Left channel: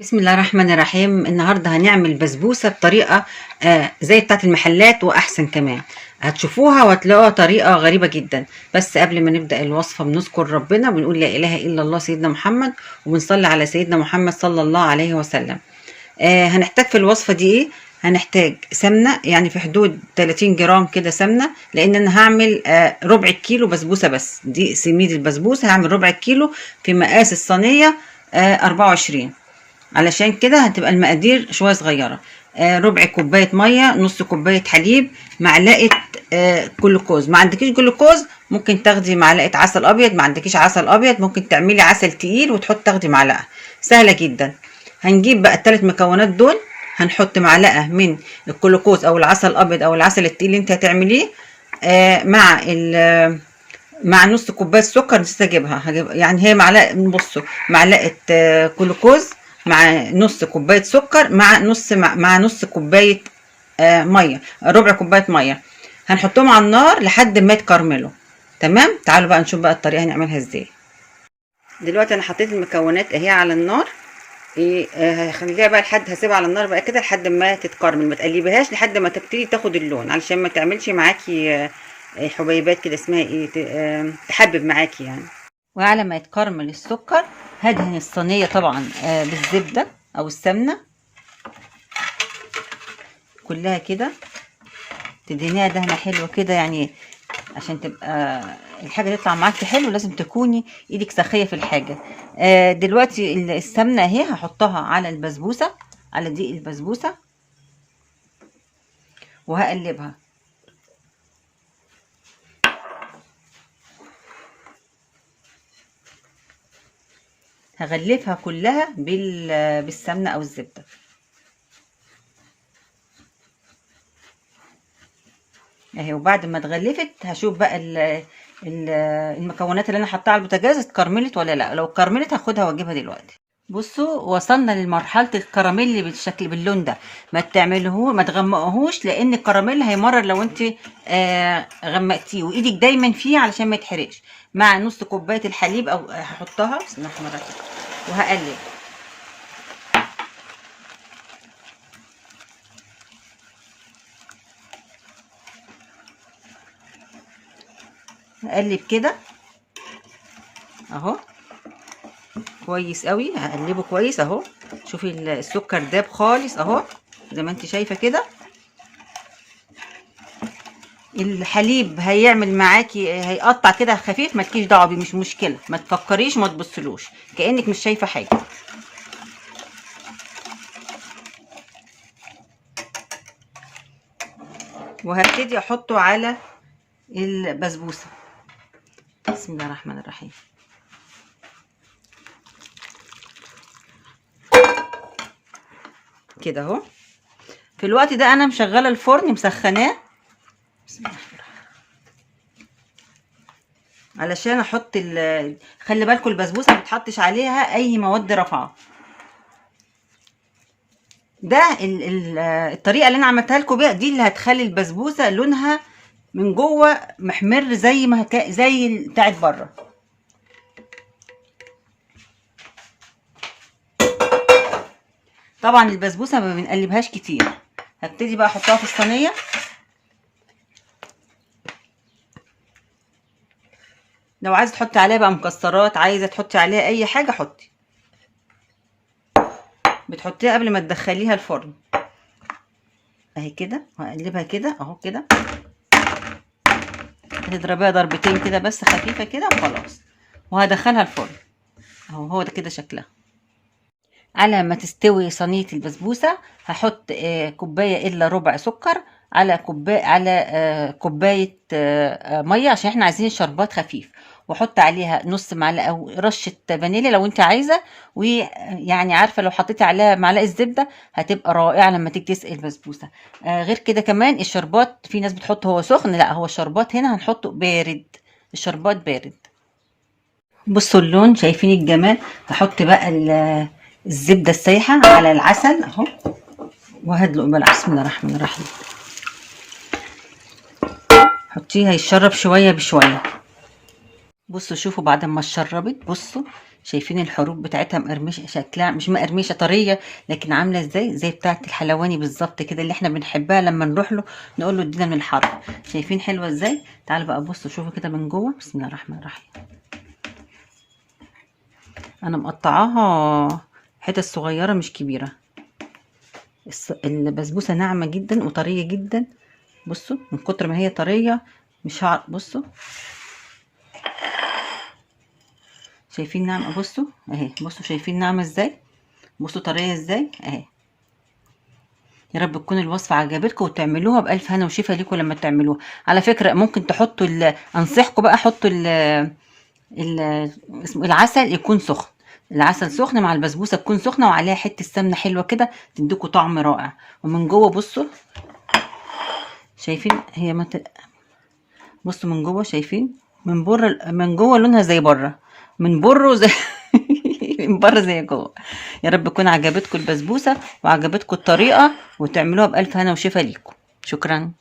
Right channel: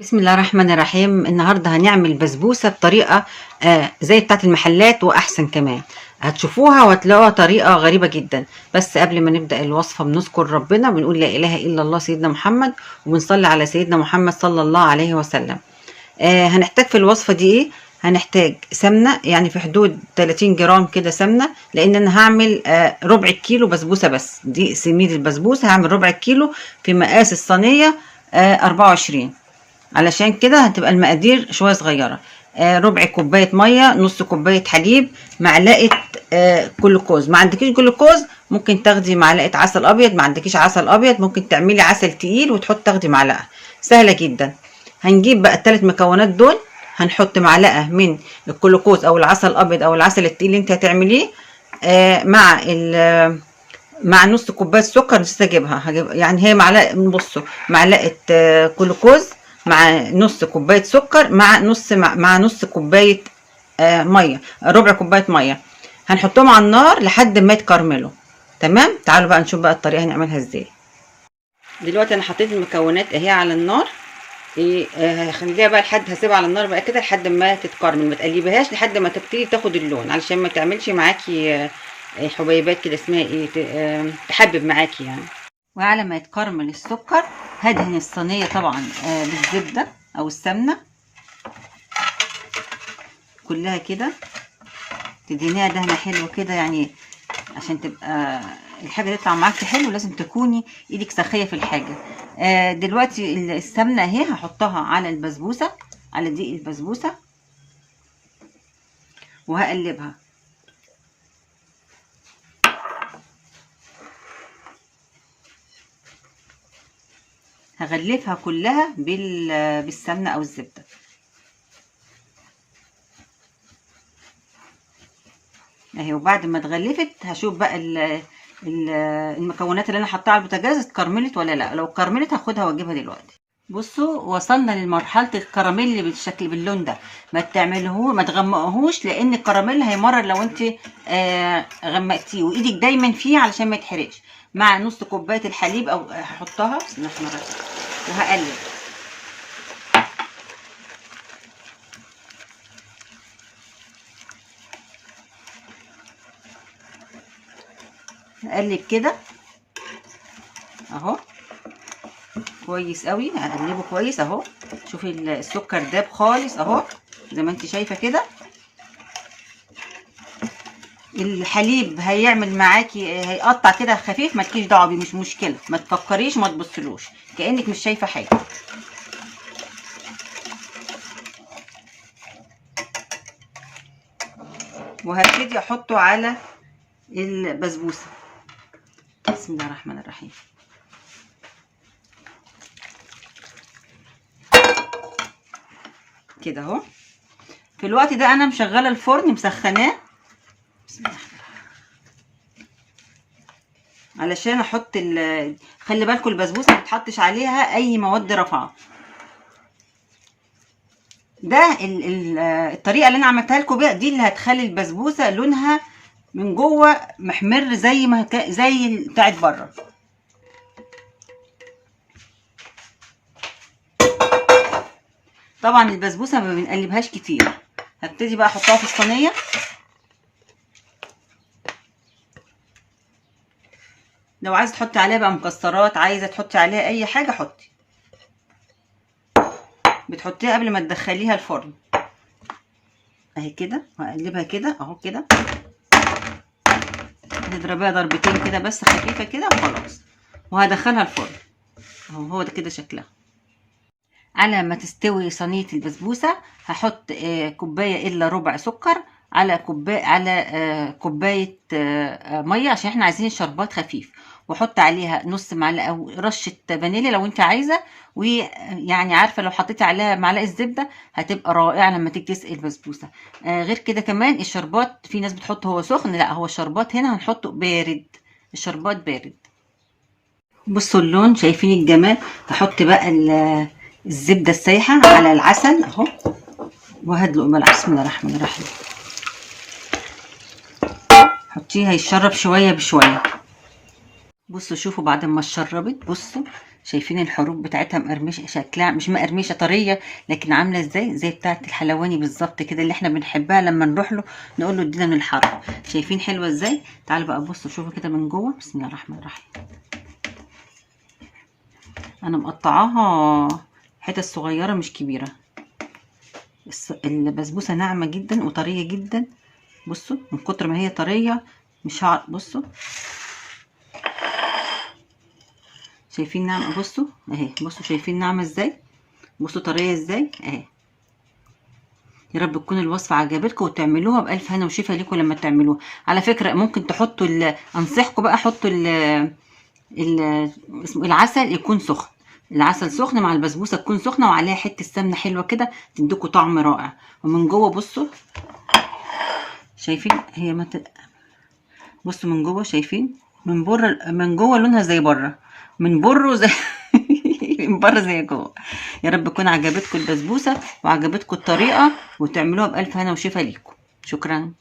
بسم الله الرحمن الرحيم. النهارده هنعمل بسبوسه بطريقه زي بتاعه المحلات واحسن كمان. هتشوفوها وهتلاقوها طريقه غريبه جدا. بس قبل ما نبدا الوصفه بنذكر ربنا، بنقول لا اله الا الله سيدنا محمد، وبنصلي على سيدنا محمد صلى الله عليه وسلم. هنحتاج في الوصفه دي ايه؟ هنحتاج سمنه، يعني في حدود 30 جرام كده سمنه، لان انا هعمل ربع كيلو بسبوسه. بس دي سميد البسبوسه، هعمل ربع كيلو في مقاس الصينيه 24. علشان كده هتبقى المقادير شويه صغيره. ربع كوبايه ميه، نص كوبايه حليب، معلقه جلوكوز. ما عندكيش جلوكوز ممكن تاخدي معلقه عسل ابيض، ما عندكيش عسل ابيض ممكن تعملي عسل تقيل وتحط تاخدي معلقه. سهله جدا. هنجيب بقى الثلاث مكونات دول، هنحط معلقه من الجلوكوز او العسل الابيض او العسل التقيل اللي انت هتعمليه، مع نص كوبايه سكر. نسيت اجيبها، هجيب يعني هي معلقه، بصوا، معلقه جلوكوز مع نص كوبايه سكر مع نص كوبايه ميه، ربع كوبايه ميه. هنحطهم على النار لحد ما يتكرملوا. تمام، تعالوا بقى نشوف بقى الطريقه هنعملها ازاي. دلوقتي انا حطيت المكونات اهي على النار. ايه، هخليها بقى هسيبها على النار بقى كده لحد ما تتكرمل. ما تقلبيهاش لحد ما تبتدي تاخد اللون، علشان ما تعملش معاكي حبيبات كده، اسمها ايه، تحبب معاكي يعني. وعلى ما يتكرمل السكر، هدهن الصينيه طبعا بالزبده او السمنه كلها كده. تدهنيها دهنه حلوه كده يعني، عشان تبقى الحاجه تطلع معاكي حلو. لازم تكوني ايدك سخيه في الحاجه. دلوقتي السمنه اهي هحطها على البسبوسه، على دي البسبوسه، وهقلبها. هغلفها كلها بالسمنه او الزبده اهي. وبعد ما اتغلفت هشوف بقى المكونات اللي انا حطاها على البوتاجاز اتكرملت ولا لا. لو اتكرملت هاخدها واجيبها دلوقتي. بصوا، وصلنا لمرحله الكراميل بالشكل باللون ده. ما تغمقهوش، لان الكراميل هيمرر لو انت غمقتيه، وايدك دايما فيه علشان ما يتحرقش. مع نص كوبايه الحليب، او هحطها بسم الله الرحمن الرحيم وهقلب. هقلب كده اهو كويس قوي. هقلبه كويس اهو. شوفي السكر داب خالص اهو، زي ما انت شايفه كده. الحليب هيعمل معاكي، هيقطع كده خفيف، مالكيش دعوه بيه، مش مشكله. ما تفكريش، ما تبصلوش، كانك مش شايفه حاجه. وهبتدي احطه على البسبوسه. بسم الله الرحمن الرحيم. كده اهو. في الوقت ده انا مشغله الفرن، مسخناه، علشان احط خلي بالكم البسبوسه ما بتحطش عليها اي مواد رافعه. ده الطريقه اللي انا عملتها لكم بقى، دي اللي هتخلي البسبوسه لونها من جوه محمر زي ما زي بتاعت بره. طبعا البسبوسه ما بنقلبهاش كتير. هبتدي بقى احطها في الصينيه. لو عايزه تحطي عليها بقى مكسرات، عايزه تحطي عليها اي حاجه حطي. بتحطيها قبل ما تدخليها الفرن اهي كده. وهقلبها كده اهو كده. هتضربيها ضربتين كده بس خفيفه كده وخلاص. وهدخلها الفرن اهو. هو ده كده شكلها. على ما تستوي صينيه البسبوسه، هحط كوبايه الا ربع سكر على كوبايه ميه، عشان احنا عايزين الشربات خفيف. واحط عليها نص معلقه او رشه فانيليا لو انت عايزه. ويعني عارفه، لو حطيتي عليها معلقه زبده هتبقى رائعه لما تيجي تسقي البسبوسه. غير كده كمان الشربات، في ناس بتحط هو سخن، لا، هو الشربات هنا هنحطه بارد. الشربات بارد. بصوا اللون، شايفين الجمال. هحط بقى الزبده السايحه على العسل اهو. وهدلق بقى. بسم الله الرحمن الرحيم. حطيه هيشرب شويه بشويه. بصوا شوفوا بعد ما اتشربت، بصوا شايفين الحروف بتاعتها مقرمشه، شكلها مش مقرمشه، طريه، لكن عامله ازاي زي بتاعه الحلواني بالظبط كده، اللي احنا بنحبها لما نروح له نقول له ادينا من الحر. شايفين حلوه ازاي؟ تعالوا بقى بصوا شوفوا كده من جوه. بسم الله الرحمن الرحيم. انا مقطعاها حتت صغيره مش كبيره. البسبوسه ناعمه جدا وطريه جدا. بصوا من كتر ما هي طريه مش هعرف. بصوا شايفين ناعمه؟ بصوا اهي، بصوا شايفين ناعمه ازاي، بصوا طريه ازاي اهي. يا رب تكون الوصفه عجبتكم وتعملوها بالف هنا وشفا ليكم لما تعملوها. على فكره ممكن تحطوا انصحكم بقى حطوا ال... اسمه العسل يكون سخن. العسل سخن مع البسبوسه تكون سخنه وعليها حته سمنه حلوه كده تديكوا طعم رائع. ومن جوه بصوا شايفين هي بصوا من جوه شايفين، من بره من جوه لونها زي بره، من بره زي من بره زي جوه. يا رب تكون عجبتكم البسبوسه وعجبتكم الطريقه وتعملوها بالف هنا وشفا ليكم. شكرا.